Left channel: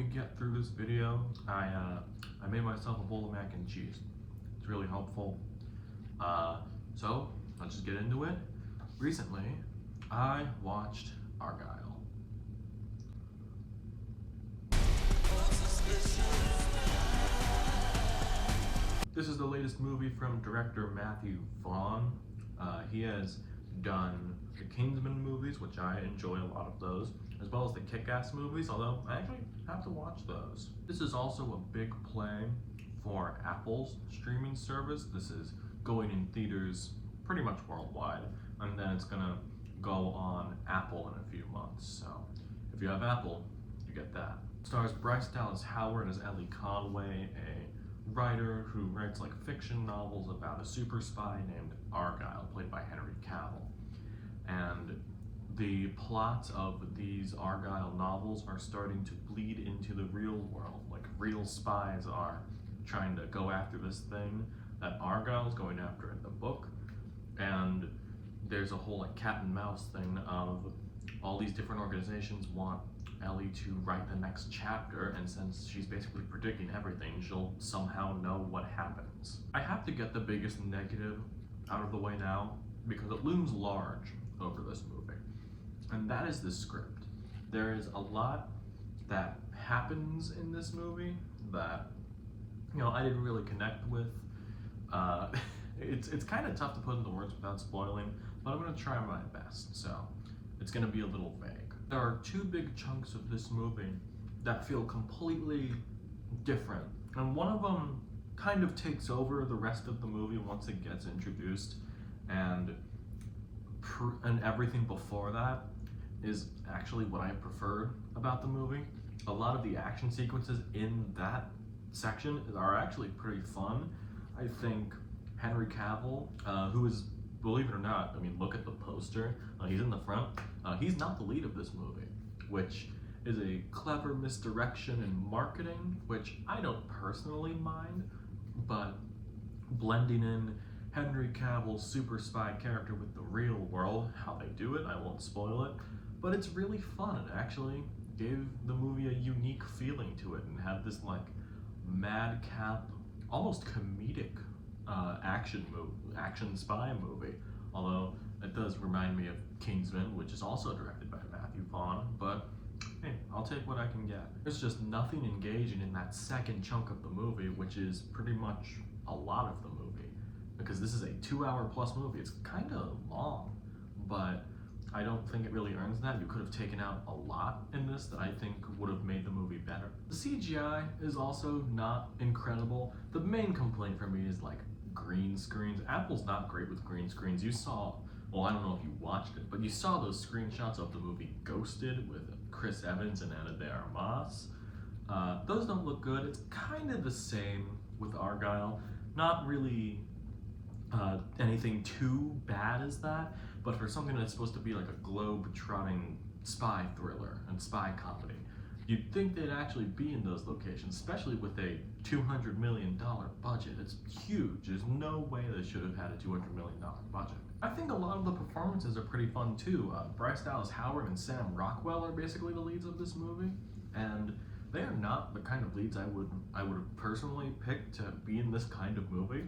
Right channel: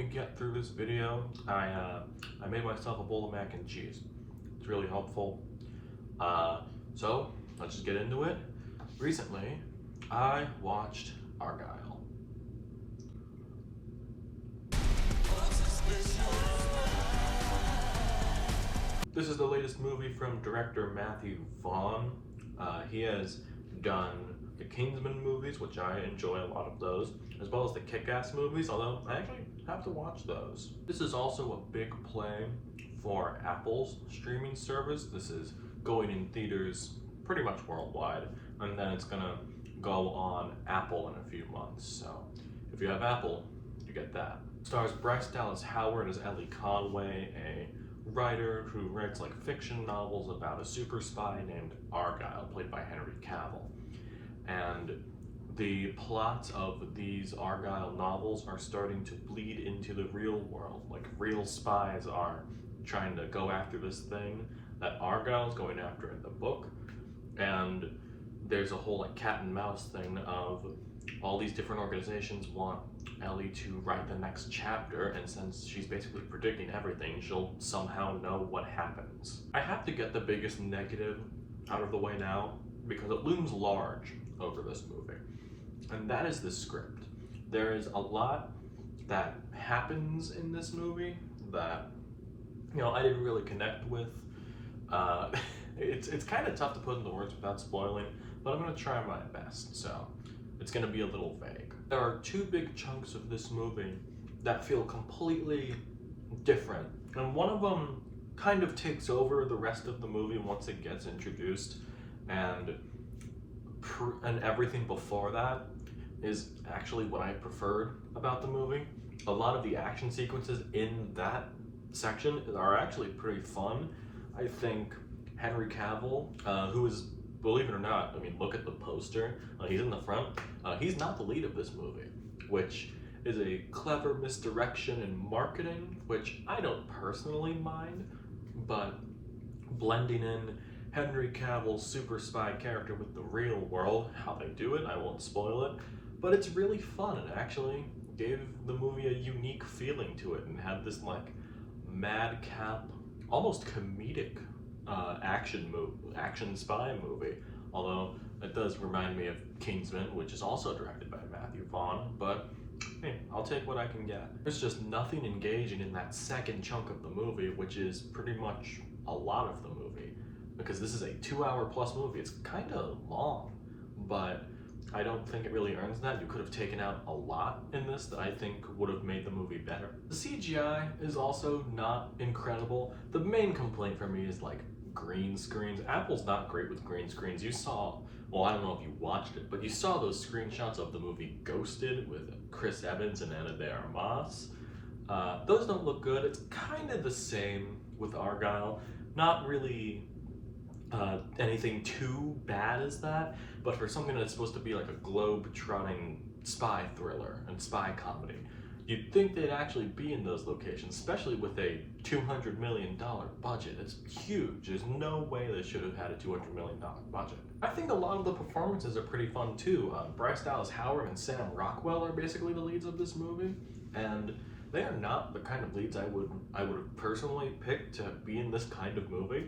me get through this video, I made myself a bowl of mac and cheese. It's really helpful. So let's just get into it. Recently, I watched Argylle. This is the latest movie from director Matthew Vaughn. He has done the Kingsman movies, which I enjoy a lot of those, as well as the Kick-Ass movies, although I actually have to watch those. This is also a big play for Apple's streaming service. This is going in theaters pretty much worldwide, and then it's gonna go on Apple in a few months. So if you have Apple, you get that. It stars Bryce Dallas Howard as Elly Conway, a writer who writes like fiction novels about a super spy named Argylle, played by Henry Cavill. And the plots of these Argylle novels are starting to bleed into the real world. Like, real spies are trying to go after this thing that Argylle is going after in the book. And there's a whole like cat and mouse thing of all these different organizations want Elly to write the next chapter, and since she's basically predicting everything, she'll somehow know what happens. I have to get the biggest negative out of the way now, because it looms large over this movie, and that is the script. There is a lot that happens in this movie that, you know, I didn't really connect with. It's kind of tough to put into words without spoiling, but I'm gonna try my best, so it's gonna be a little vague. There are two big chunks of this movie that feel completely different, and one of them kind of takes over the rest of the movie once it gets introduced, and everything before that is actually what I preferred about the movie. A lot of the action sequences in that section are actually pretty fun. I think Henry Cavill, who is, believe it or not, I mean, look at the poster, he's in the front. He's not the lead of this movie, which is a clever misdirection in marketing, which I don't personally mind, but blending in Henry Cavill's super spy character with the real world, how they do it, I won't spoil it, but it's really fun. It actually gave the movie a unique feeling to it and had this like madcap, almost comedic action spy movie, although it does remind me of Kingsman, which is also directed by Matthew Vaughn, but hey, I'll take what I can get. There's just nothing engaging in that second chunk of the movie, which is pretty much a lot of the movie, because this is a 2-hour plus movie. It's kind of long, but I don't think it really earns that. You could have taken out a lot in this that I think would have made the movie better. The CGI is also not incredible. The main complaint for me is like green screens. Apple's not great with green screens. You saw, well, I don't know if you watched it, but you saw those screenshots of the movie Ghosted with Chris Evans and Ana de Armas. Those don't look good. It's kind of the same with Argylle. Not really anything too bad as that, but for something that's supposed to be like a globe-trotting spy thriller and spy comedy, you'd think they'd actually be in those locations, especially with a $200 million budget. It's huge. There's no way they should have had a $200 million budget. I think a lot of the performances are pretty fun too. Bryce Dallas Howard and Sam Rockwell are basically the leads of this movie, and they are not the kind of leads I would have personally picked to be in this kind of movie.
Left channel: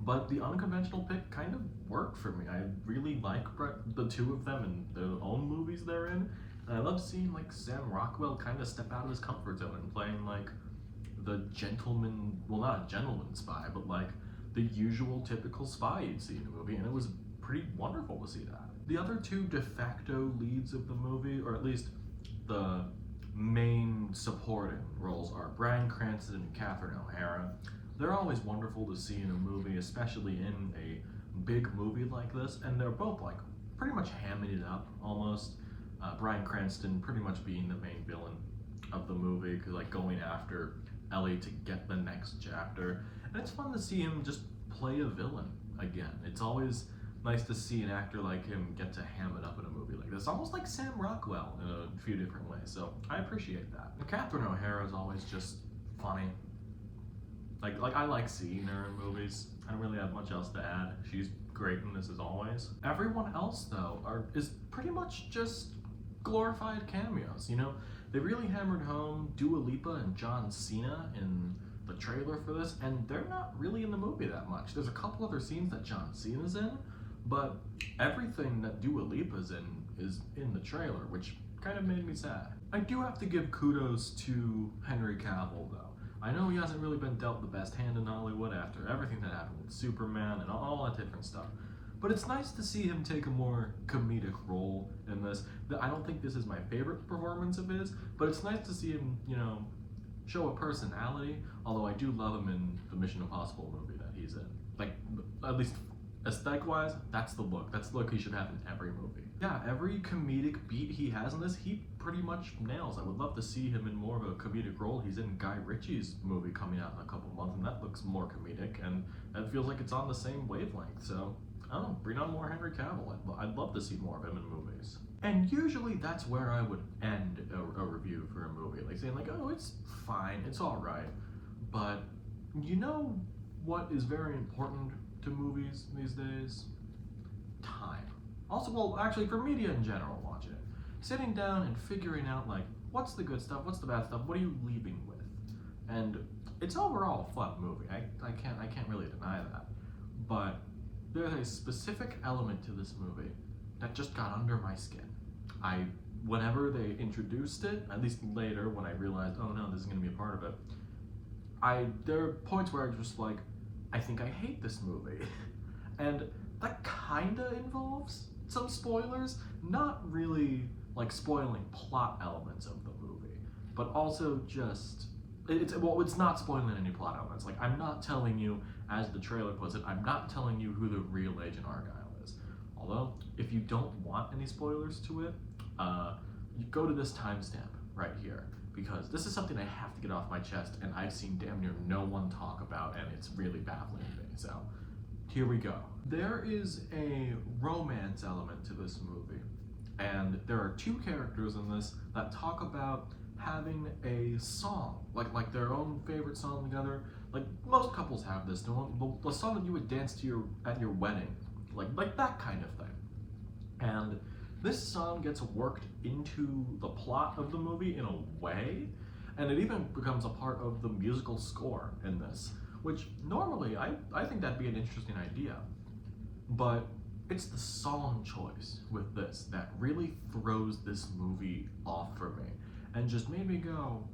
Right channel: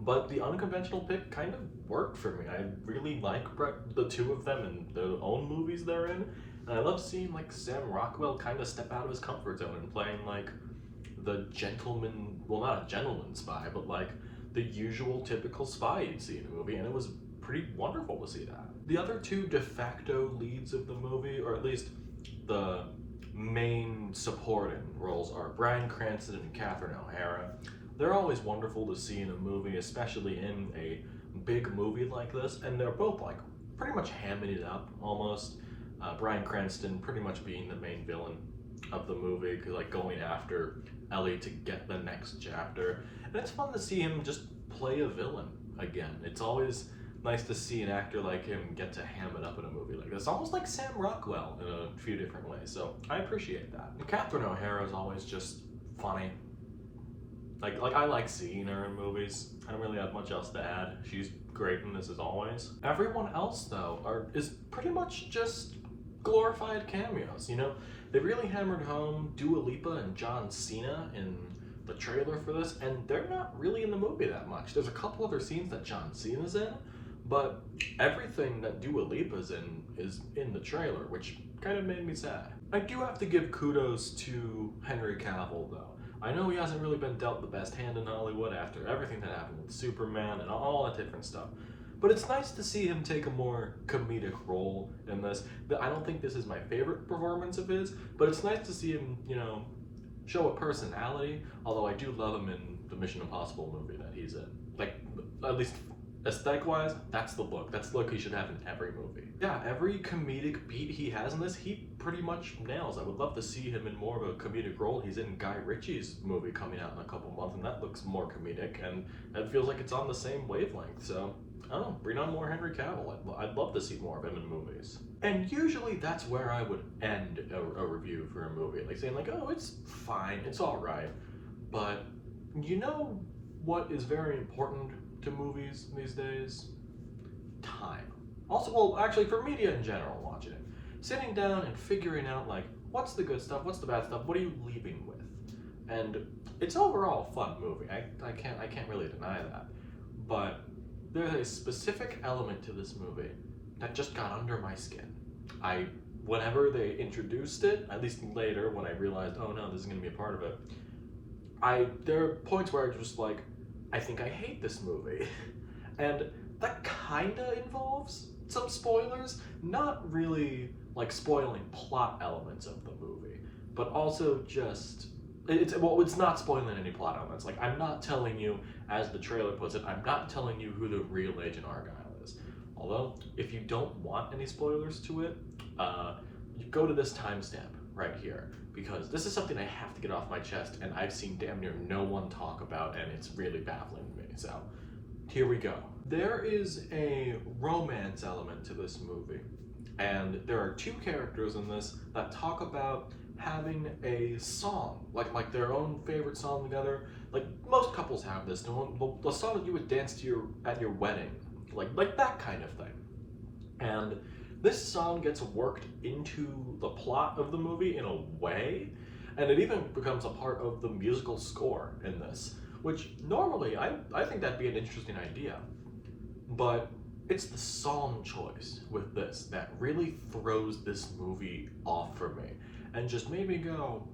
But the unconventional pick kind of worked for me. I really like the two of them in their own movies they're in. And I love seeing like Sam Rockwell kind of step out of his comfort zone and playing like the gentleman, well, not a gentleman spy, but like the usual typical spy you'd see in a movie. And it was pretty wonderful to see that. The other two de facto leads of the movie, or at least the main supporting roles, are Bryan Cranston and Catherine O'Hara. They're always wonderful to see in a movie, especially in a big movie like this, and they're both like pretty much hamming it up almost. Bryan Cranston pretty much being the main villain of the movie, like going after Elly to get the next chapter, and it's fun to see him just play a villain again. It's always nice to see an actor like him get to ham it up in a movie like this, almost like Sam Rockwell in a few different ways, so I appreciate that. And Catherine O'Hara is always just funny. Like I like seeing her in movies. I don't really have much else to add. She's great in this as always. Everyone else though is pretty much just glorified cameos, you know? They really hammered home Dua Lipa and John Cena in the trailer for this, and they're not really in the movie that much. There's a couple other scenes that John Cena's in, but everything that Dua Lipa's in is in the trailer, which kind of made me sad. I do have to give kudos to Henry Cavill, though. I know he hasn't really been dealt the best hand in Hollywood after everything that happened with Superman and all that different stuff. But it's nice to see him take a more comedic role in this. I don't think this is my favorite performance of his, but it's nice to see him, show a personality, although I do love him in the Mission Impossible movie that he's in. Like, at least aesthetic-wise, that's the look. That's the look he should have in every movie. Yeah, every comedic beat he has in this, he pretty much nails. I would love to see him in more of a comedic role. He's in Guy Ritchie's movie coming out in a couple months, and that looks more comedic, and it feels like it's on the same wavelength, so oh, bring on more Henry Cavill. I'd love to see more of him in movies. And usually that's where I would end a review for a movie, like saying like, oh, it's fine, it's all right. But you know what is very important to movies these days? Time. Also, well, actually for media in general, watching it. Sitting down and figuring out like, what's the good stuff, what's the bad stuff, what are you leaving with? And it's overall a fun movie. I can't really deny that. But there's a specific element to this movie that just got under my skin. Whenever they introduced it, at least later when I realized, oh no, this is gonna be a part of it, there are points where I just like, I think I hate this movie. And that kinda involves some spoilers, not really like spoiling plot elements of the movie, but also just, it's not spoiling any plot elements. Like, I'm not telling you, as the trailer puts it, I'm not telling you who the real Agent Argylle is. Although, if you don't want any spoilers to it, you go to this timestamp right here, because this is something I have to get off my chest, and I've seen damn near no one talk about, and it's really baffling to me. So, here we go. There is a romance element to this movie, and there are two characters in this that talk about having a song, like their own favorite song together. Like most couples have this, the song that you would dance to at your wedding, like that kind of thing. And this song gets worked into the plot of the movie in a way, and it even becomes a part of the musical score in this, which normally I think that'd be an interesting idea. But it's the song choice with this that really throws this movie off for me and just made me go,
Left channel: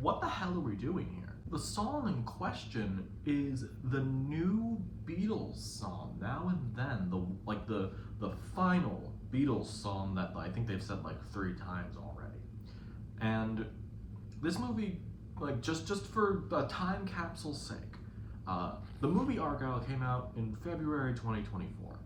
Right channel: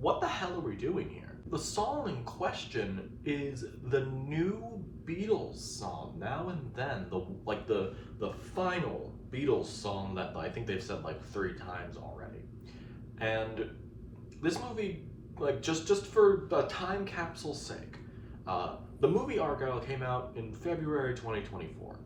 what the hell are we doing here? The song in question is the new Beatles song, Now and Then, the final Beatles song that I think they've said like 3 times already. And this movie, like just for a time capsule's sake, the movie Argylle came out in February 2024.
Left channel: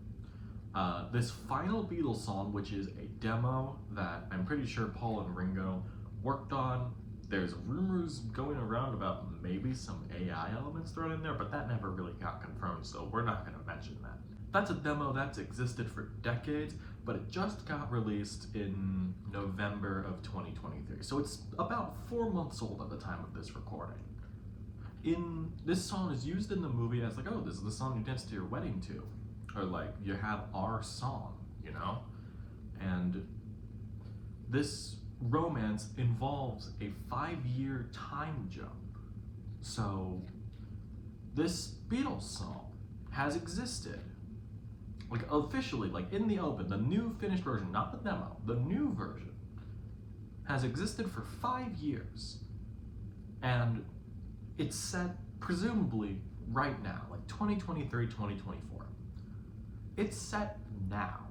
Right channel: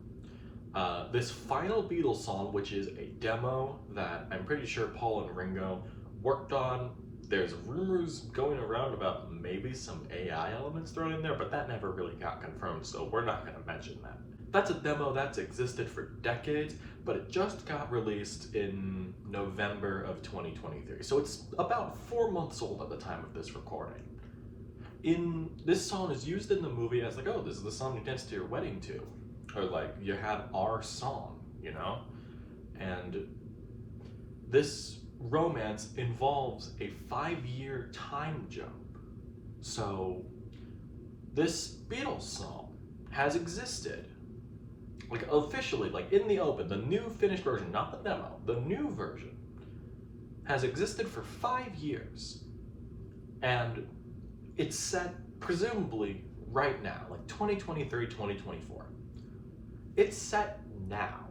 This final Beatles song, which is a demo that I'm pretty sure Paul and Ringo worked on. There's rumors going around about maybe some AI elements thrown in there, but that never really got confirmed, so we're not going to mention that. That's a demo that's existed for decades, but it just got released in November of 2023, so it's about 4 months old at the time of this recording. This song is used in the movie as like, oh, this is the song you dance to your wedding to, or like, you have our song, And this romance involves a 5-year time jump. So this Beatles song has existed, like officially, like in the open, the new finished version, not the demo, the new version has existed for 5 years. And it's set presumably right now, like 2023, 2024. It's set now.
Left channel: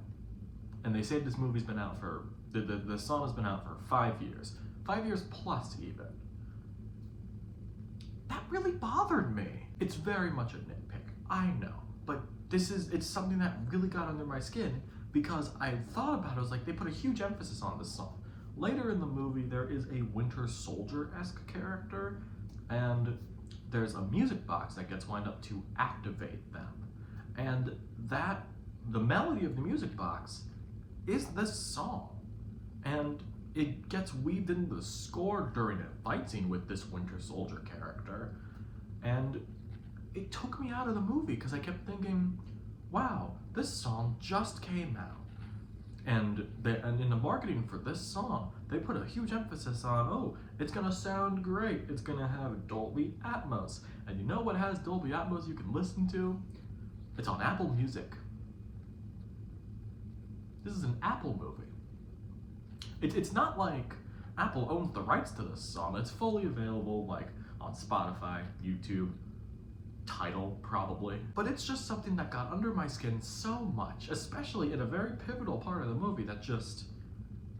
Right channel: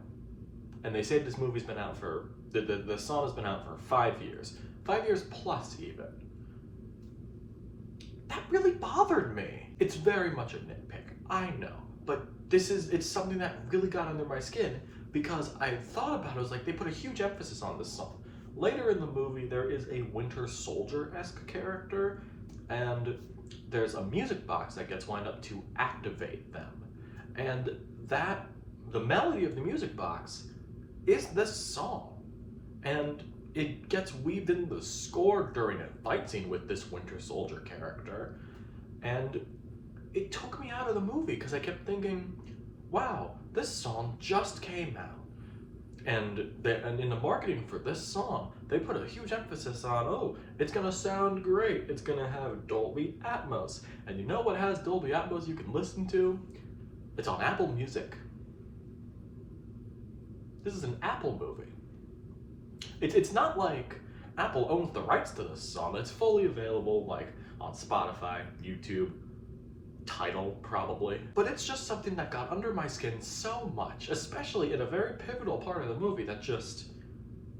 And they say this movie's been out for, the song has been out for 5 years. 5 years plus even. That really bothered me. It's very much a nitpick, I know. But it's something that really got under my skin because I thought about it, I was like, they put a huge emphasis on this song. Later in the movie, there is a Winter Soldier-esque character, and there's a music box that gets wound up to activate them. And the melody of the music box is this song. And it gets weaved into the score during a fight scene with this Winter Soldier character. And it took me out of the movie because I kept thinking, wow, this song just came out. And in the marketing for this song, they put a huge emphasis on, oh, it's gonna sound great. It's gonna have Dolby Atmos. And you know what has Dolby Atmos you can listen to? It's on Apple Music. This is an Apple movie. It's not like Apple owns the rights to this song. It's fully available like on Spotify, YouTube, Tidal probably. But it's just something that got under my skin so much, especially in a very pivotal part of the movie that just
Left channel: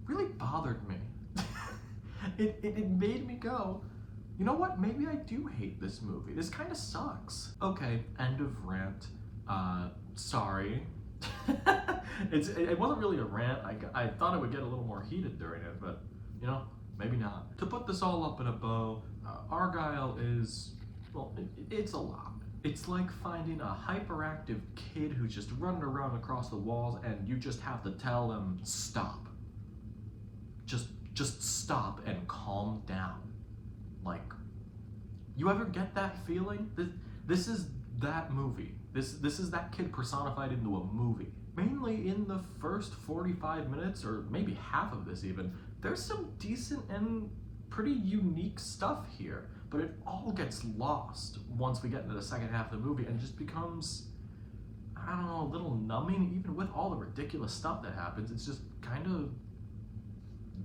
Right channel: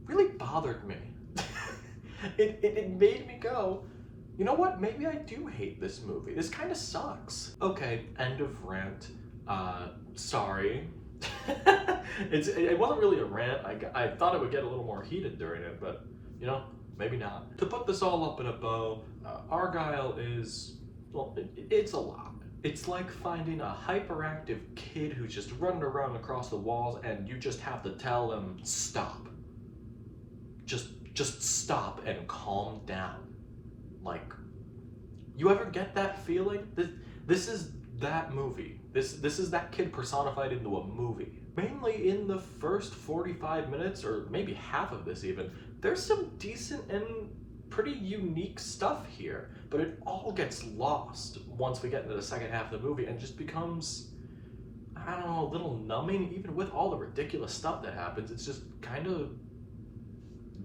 really bothered me. It made me go, you know what, maybe I do hate this movie. This kind of sucks. Okay, end of rant. Sorry. It wasn't really a rant. I thought it would get a little more heated during it, but you know, maybe not. To put this all up in a bow, Argylle is, well, it's a lot. It's like finding a hyperactive kid who's just running around across the walls and you just have to tell them, stop. Just stop and calm down. Like, you ever get that feeling? This is that movie. This is that kid personified into a movie. Mainly in the first 45 minutes, or maybe half of this even, there's some decent and pretty unique stuff here, but it all gets lost once we get into the second half of the movie and just becomes, I don't know, a little numbing. Even with all the ridiculous stuff that happens, it's just kind of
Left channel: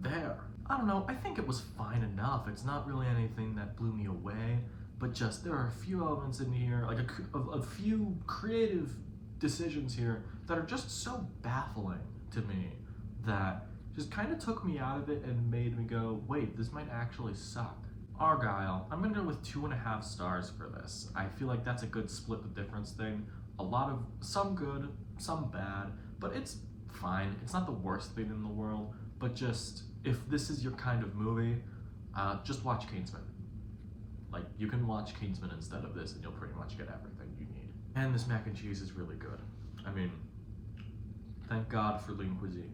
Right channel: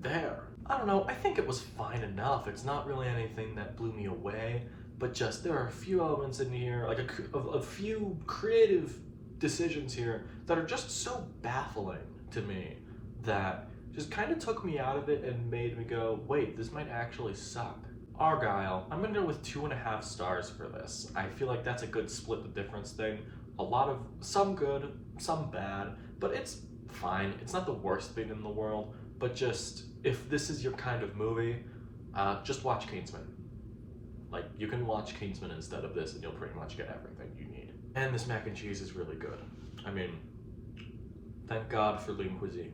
there. I don't know, I think it was fine enough. It's not really anything that blew me away, but just there are a few elements in here, like a few creative decisions here that are just so baffling to me that just kind of took me out of it and made me go, wait, this might actually suck. Argylle, I'm gonna go with 2.5 stars for this. I feel like that's a good split the difference thing. A lot of, some good, some bad, but it's fine. It's not the worst thing in the world, but just, if this is your kind of movie, just watch Kingsman. Like, you can watch Kingsman instead of this and you'll pretty much get everything you need. And this mac and cheese is really good. I mean, thank God for lean cuisine.